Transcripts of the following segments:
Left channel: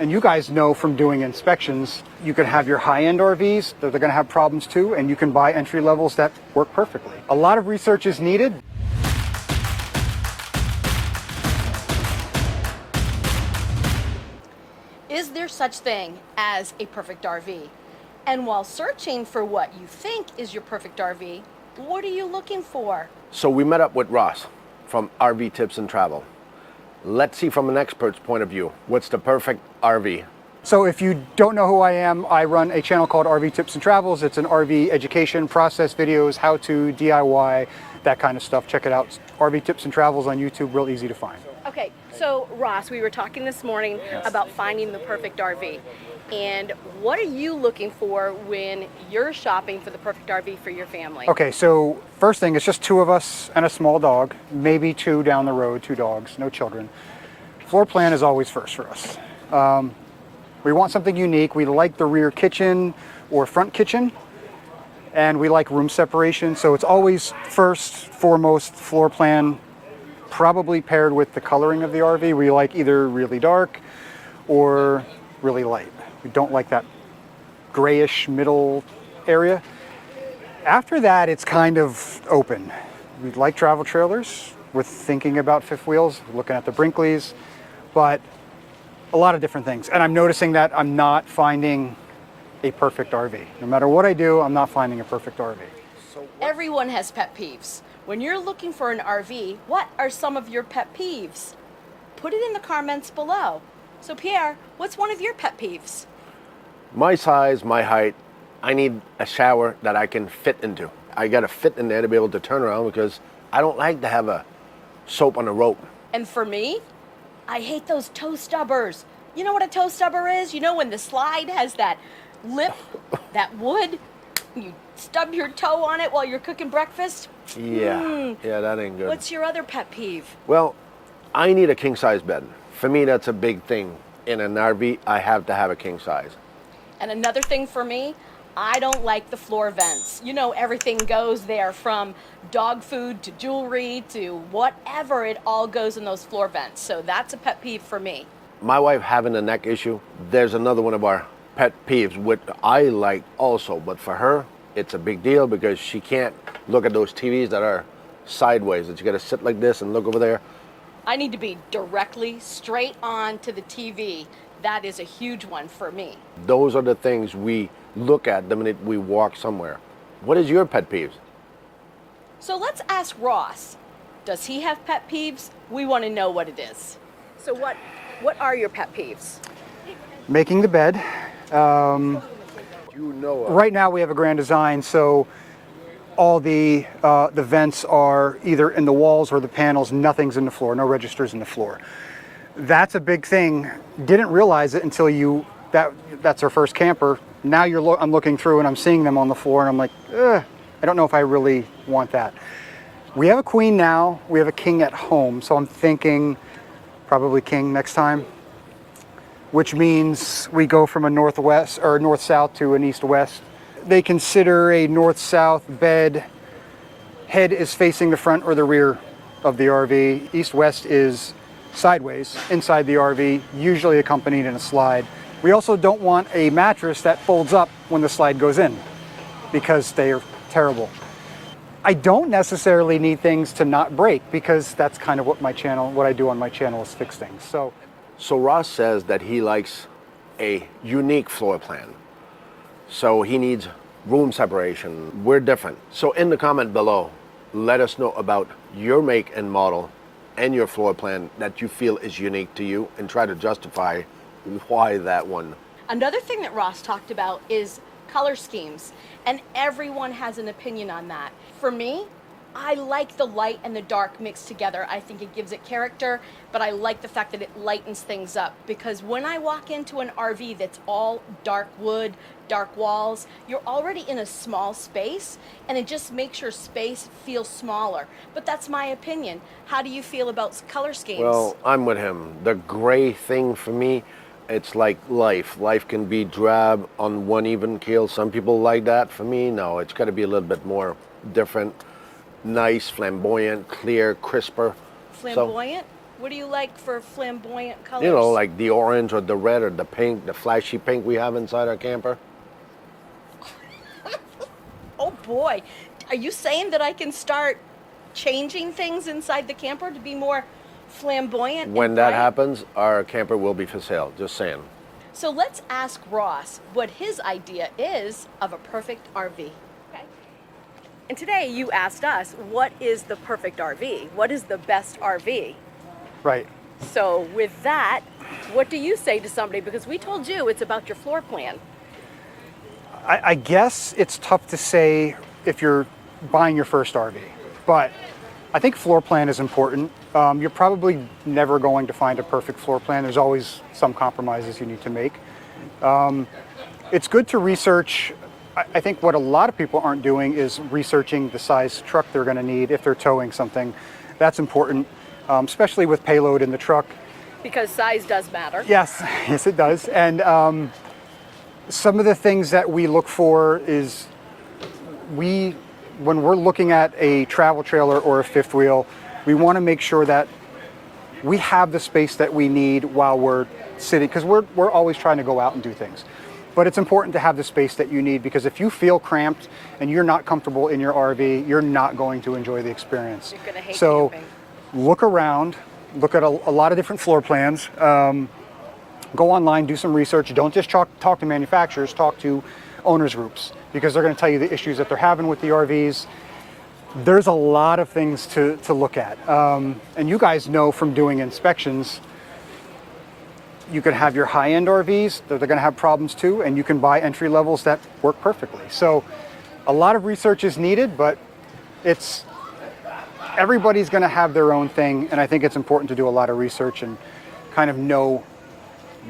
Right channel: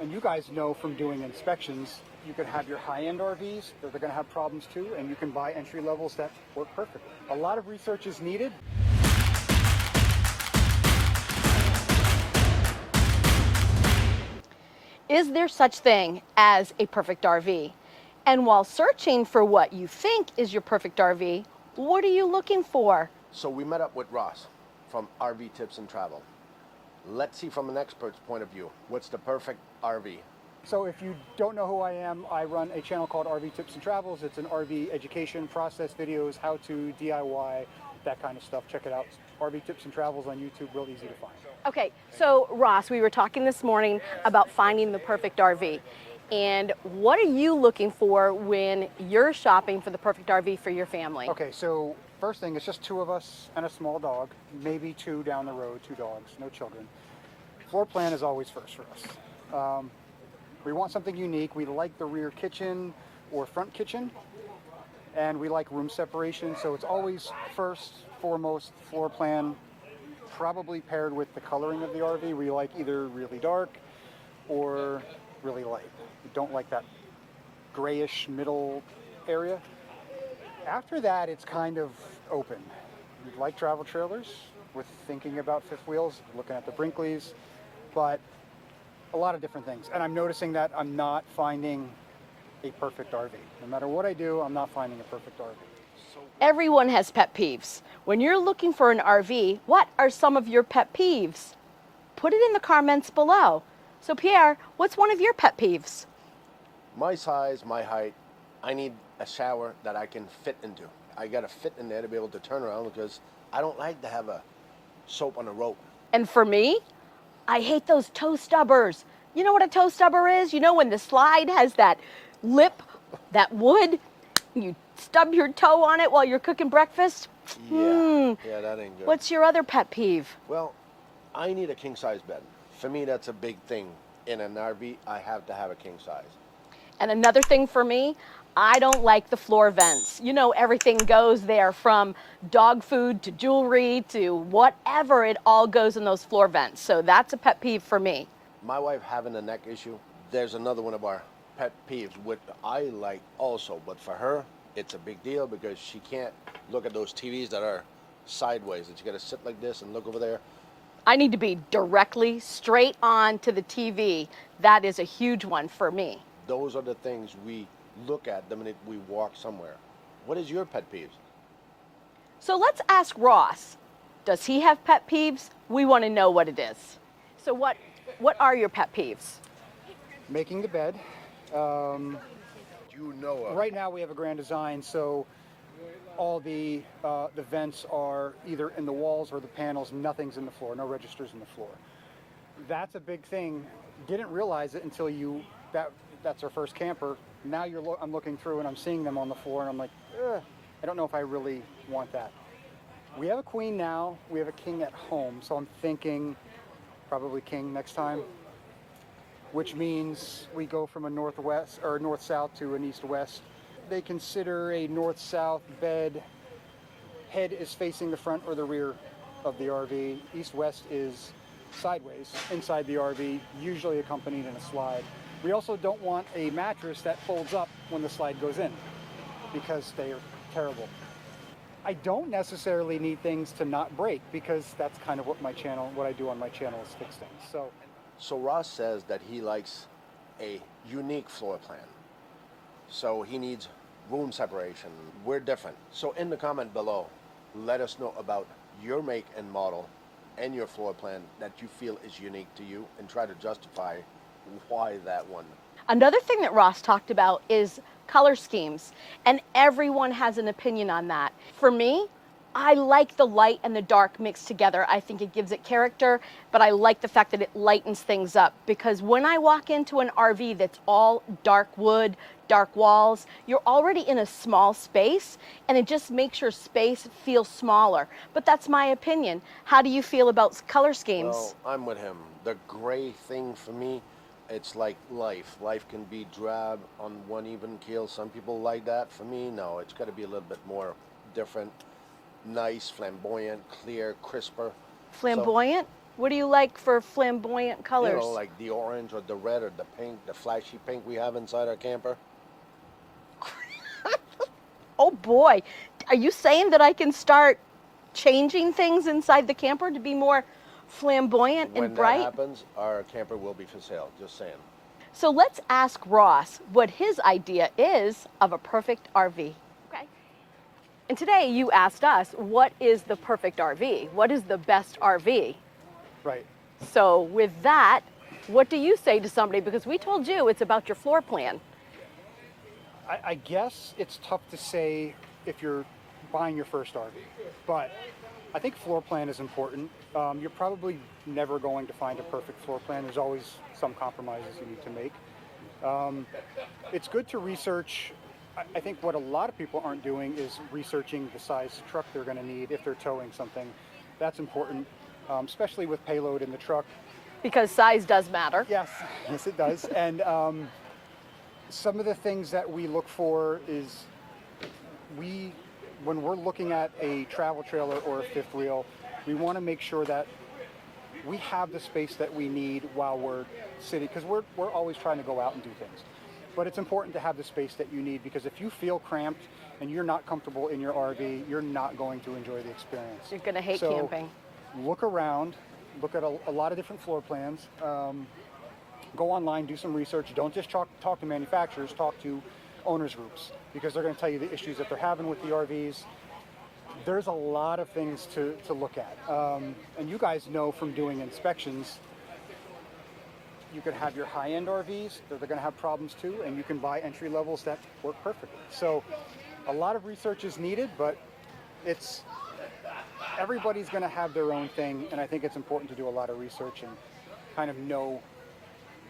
And you guys know from doing inspections, you can have your high-end RVs, they're going to have problems too, and you can buy entry levels that work perfectly. A lot of research is needed. Is there such thing as a perfect RV? And while searching for what you think is your perfect RV, what are you looking for? So we met up with Ross from RV Tips and Travel. Let's see from an expert's point of view, what's the perfect RV? So if you don't know who I am, I run a channel called RV Tips and Travels. It's an RV education, process videos, how-to, DIY, that kind of stuff. Check it out. RV Tips and Travels on YouTube, real easy to find. Okay, so Ross, we were talking this morning about finding the perfect RV. And what are you looking for when you're shopping for the perfect RV for your family? Okay, so first thing, it's just two of us and a small dog, maybe two down the road, two dogs, no children. Floor plan is always first for us. We want something unique. We like the rear kitchen or front kitchen, and we like room separation. So it's always first, foremost, floor plan, probably paired with the coloring of the RV. We like either really dark or really light. We don't like that grayish middle area. After that, it's kind of open. We like travel trailers. We're thinking about fifth wheels, looking at the Brinkleys, but a lot of different things. And I'm noticing that I'm not finding a perfect RV. No matter what I do, I'm not finding a perfect RV. Everyone has pet peeves. When you're looking for an RV, what are some of your pet peeves? Put it in the comments below. So Pierre, what's one of your pet peeves? My size, my height, I need a shower that I can fit into. I gotta fit in there to be able to turn around because I don't like to have a soap on a rope. And for me, I hate those toe stubbers. You know what a toe stubber is? You know when the slide has that lip, that wood, you stub your toe on it while you're cooking breakfast? Yeah, that ain't good. What's your other pet peeve? Well, I need a king size bed. For me, that's a big thing. In an RV, I have to have a king size. And another thing for me, I don't like the floor vents. You know, everything goes there from dog food to jewelry to whatever, it all goes in those floor vents. So that's a pet peeve for me. My wife having a neck issue, there's another one of our pet peeves, which I like also, but for her, it's a big deal because she can't look at those TVs that are sideways, that you gotta sit like this and look over there. I need to be directly straight on to the TV. That is a huge one for me. Those are the things we look at the minute we walk somewhere. What is your pet peeves? So let's ask Ross. Does he have pet peeves? We want to know what it is. So what are your pet peeves? Making the bed. Right now we have a Grand Design, so all the vents are either in the walls or the panels. Nothing's in the floor, no registers in the floor. That's a big thing. Didn't realize it until that's our first camper. Now I'm looking through and I'm seeing them on the floor and I'm like, I don't know if I really want that. We have a queen now, we have a king at home, so I'm thinking probably king next time, which means we go from a northwest or north-south to an east-west. They consider a north-south bed, head is facing the front or the rear of the RV. East-west is sideways inside the RV, usually accompanied in a slide. We also don't want a mattress that folds up when the slide goes in because they are terrible. I don't necessarily need things to not break because that's kind of what I do on my channel is fix things. So Ross says that he likes a unique floor plan. So he needs room separation. We're different. So in the comment below, let us know about your make and model and your floor plan that you feel is unique to you and try to justify why that one. Another thing that Ross talked about is color schemes, and everyone has an opinion on that. For me, I like the light and the dark mixed together. I think it gives it character, but I like the fact that it lightens things up because when I walk into an RV that's all dark wood, dark walls, you're already in a small space and it just makes your space feel smaller. But that's my opinion. How do you feel about color schemes? Well, I'm with him. The gray thing for me, it's like life. Life can be drab on one even keel. Some people like that. For me, no, it's got to be a little bit more different. Nice, flamboyant, clear, crisper. Flamboyant? What do you like for flamboyant colors? You know, like the orange or the red or the pink, the flashy pink we have inside our camper. Oh boy, are you saying that I can start changing things inside the camper to be more flamboyant When and that bright? happens, our camper will be for sale. Just saying. So let's ask Ross what his idea is of a perfect RV. Okay. And today you asked us, what is the perfect RV? What is the best RV? Right. So with that, what do you say to somebody? Because we told you it's about your floor plan. I guess it's tough to say if you're buying your first RV, but I think floor plan is important. You're probably never going to find a perfect floor plan. There's always some compromises you need to make. It's good to research. I think what a lot of people aren't doing is researching the size truck they're going to need if they're towing something. That's important, especially with payload in the truck. Because size does matter. Yes, yes it does. And some of the things that we look for is when we're looking at a travel trailer or a fifth wheel, we want to make sure that we have the space that we need while we're sitting, because we're always trying to go out and do things. But it's important to have the space that you need, because if you feel cramped and you're not comfortable in your RV, you're not going to enjoy the experience. You're gonna hate so camping. Look around, look at a lot of different floor plans. Go online, do some research. Don't just talk to manufacturers, talk to owners groups, because they're going to tell you the issues that they're having with the RVs. There's a lot of things to look at. And you guys know from doing inspections, you could have your high-end RVs, they're going to have problems too, and you can buy entry levels that work perfectly. So a lot of research is needed, but everybody's going to have their own thing, and I think it's important to do a lot of research and kind of know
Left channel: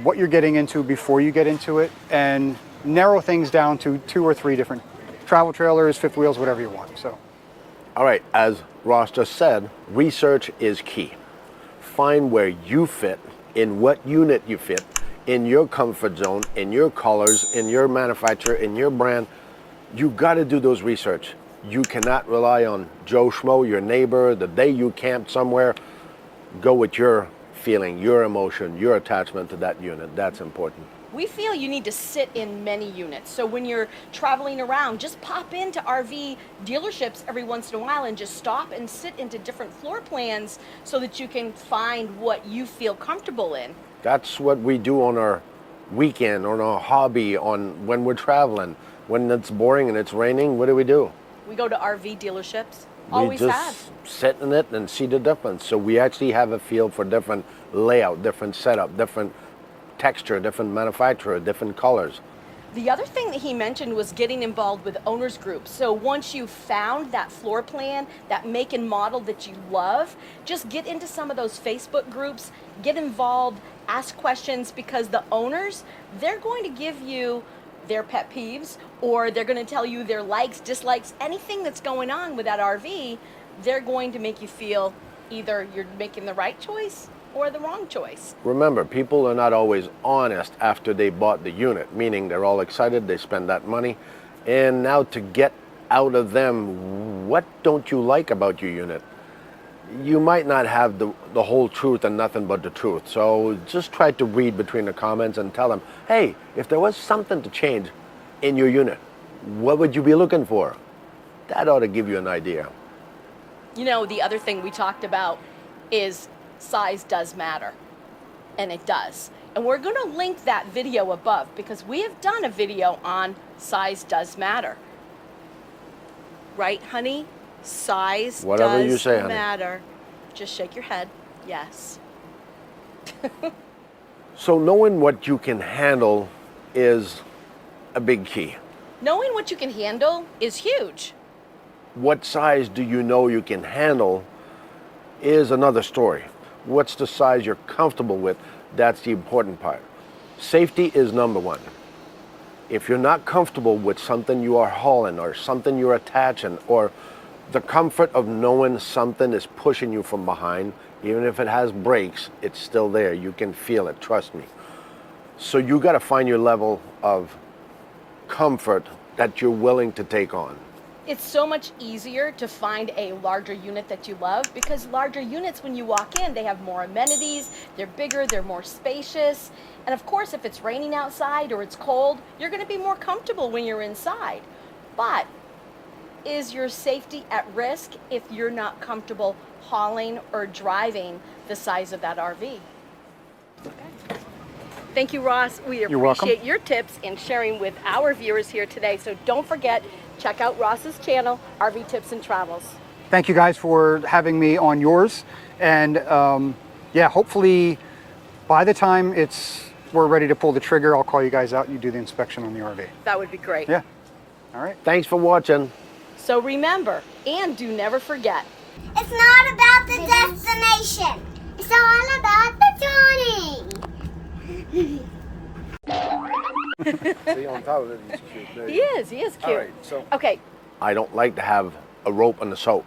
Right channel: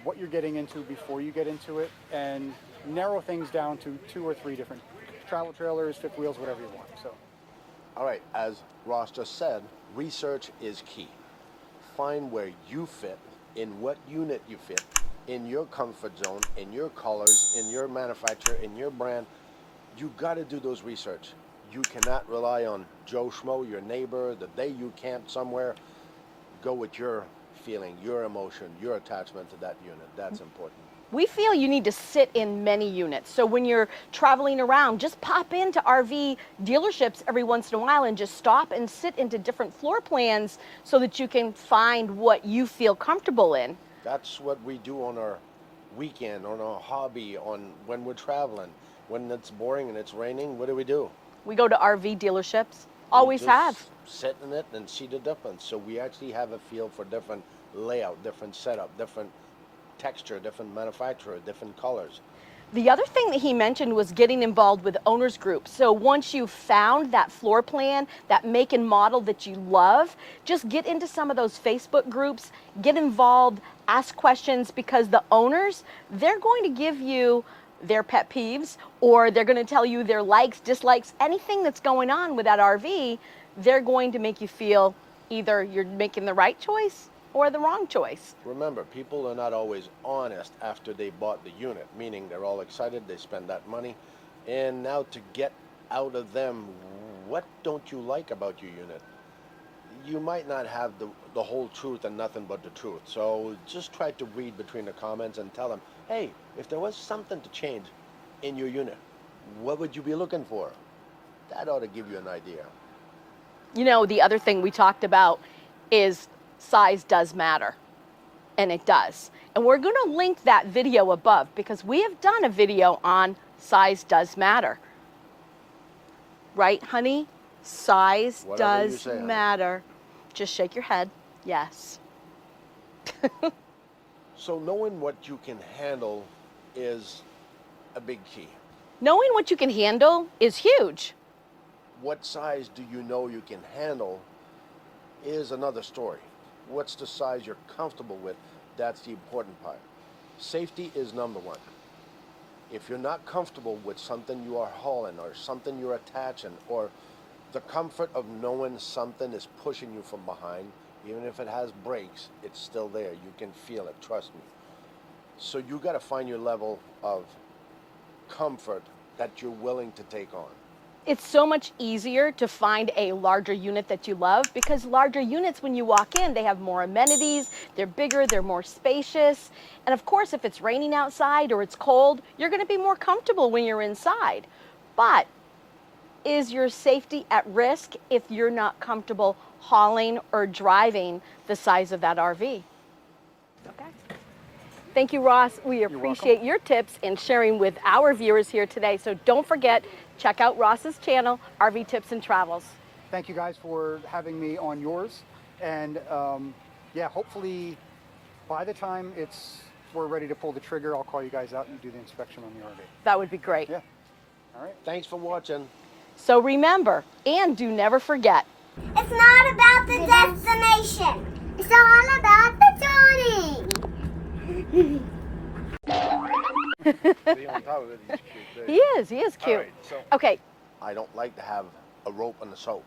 what you're getting into before you get into it, and narrow things down to 2 or 3 different travel trailers, fifth wheels, whatever you want. So, All right, as Ross just said, research is key. Find where you fit, in what unit you fit, in your comfort zone, in your colors, in your manufacturer, in your brand. You got to do those research. You cannot rely on Joe Schmo, your neighbor, the day you camped somewhere. Go with your feeling, your emotion, your attachment to that unit. That's important. We feel you need to sit in many units. So when you're traveling around, just pop into RV dealerships every once in a while and just stop and sit into different floor plans so that you can find what you feel comfortable in. That's what we do on our weekend, on our hobby, on when we're traveling. When it's boring and it's raining, what do? We go to RV dealerships. Always we just have. sit in it and see the difference. So we actually have a feel for different layout, different setup, different texture, different manufacturer, different colors. The other thing that he mentioned was getting involved with owners groups. So once you've found that floor plan, that make and model that you love, just get into some of those Facebook groups, get involved, ask questions, because the owners, they're going to give you their pet peeves, or they're going to tell you their likes, dislikes, anything that's going on with that RV. They're going to make you feel either you're making the right choice or the wrong choice. Remember, people are not always honest after they bought the unit, meaning they're all excited, they spend that money, and now to get out of them, what don't you like about your unit? You might not have the whole truth and nothing but the truth. So just try to read between the comments and tell them, hey, if there was something to change in your unit, what would you be looking for? That ought to give you an idea. You know, the other thing we talked about is size does matter, and it does. And we're going to link that video above, because we have done a video on size does matter. Right, honey? Size Whatever does you say, honey. matter. Just shake your head. Yes. So knowing what you can handle is a big key. Knowing what you can handle is huge. What size do you know you can handle is another story. What's the size you're comfortable with? That's the important part. Safety is number one. If you're not comfortable with something you are hauling or something you're attaching, or the comfort of knowing something is pushing you from behind, even if it has brakes, it's still there. You can feel it, trust me. So you got to find your level of comfort that you're willing to take on. It's so much easier to find a larger unit that you love, because larger units, when you walk in, they have more amenities, they're bigger, they're more spacious. And of course, if it's raining outside or it's cold, you're going to be more comfortable when you're inside. But is your safety at risk if you're not comfortable hauling or driving the size of that RV? Okay. Thank you, Ross. We You're welcome. appreciate your tips and sharing with our viewers here today. So don't forget, check out Ross's channel, RV Tips and Travels. Thank you guys for having me on yours. And yeah, hopefully by the time we're ready to pull the trigger, I'll call you guys out and you do the inspection on the RV. That would be great. Yeah. All right. Thanks for watching. So remember, and do never forget, It's not about the destination. It's all about the journey. See, on top of it, it's cute. he is cute. All right, so Okay, I don't like to have a rope on the soap.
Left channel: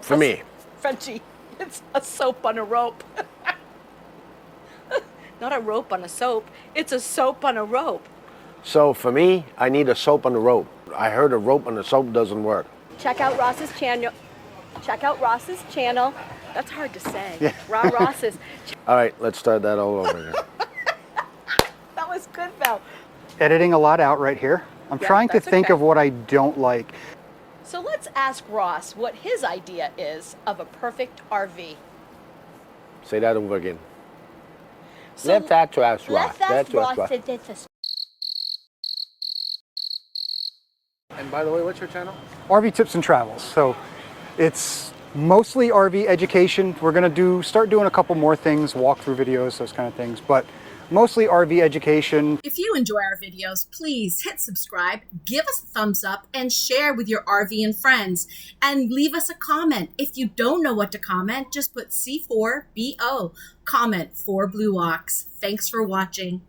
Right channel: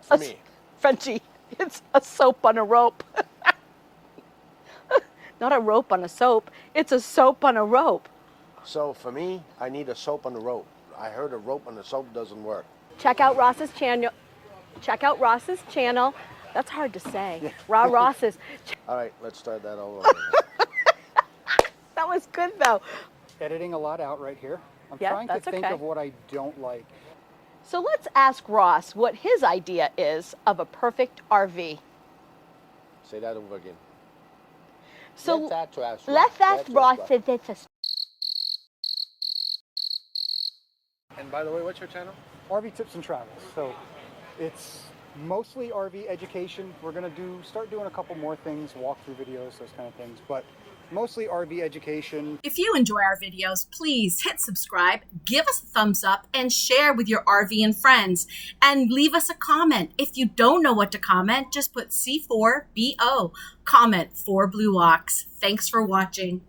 For me. Frenchie, it's a soap on a rope. Not a rope on a soap, it's a soap on a rope. So for me, I need a soap on the rope. I heard a rope on the soap doesn't work. Check out Ross's channel. Check out Ross's channel. That's hard to say. Yeah. Ross's. All right, let's start that all over again. That was good though. Editing a lot out right here. I'm Yeah, trying to that's think okay. of what I don't like. So let's ask Ross what his idea is of a perfect RV. Say that over again. So Let's ask Ross. let's ask Ross. And by the way, what's your channel? RV Tips and Travels. So it's mostly RV education. We're gonna start doing a couple more things, walkthrough videos, those kind of things, but mostly RV education. If you enjoy our videos, please hit subscribe, give us a thumbs up, and share with your RV and friends. And leave us a comment. If you don't know what to comment, just put C4BO. Comment for Blue Ox. Thanks for watching.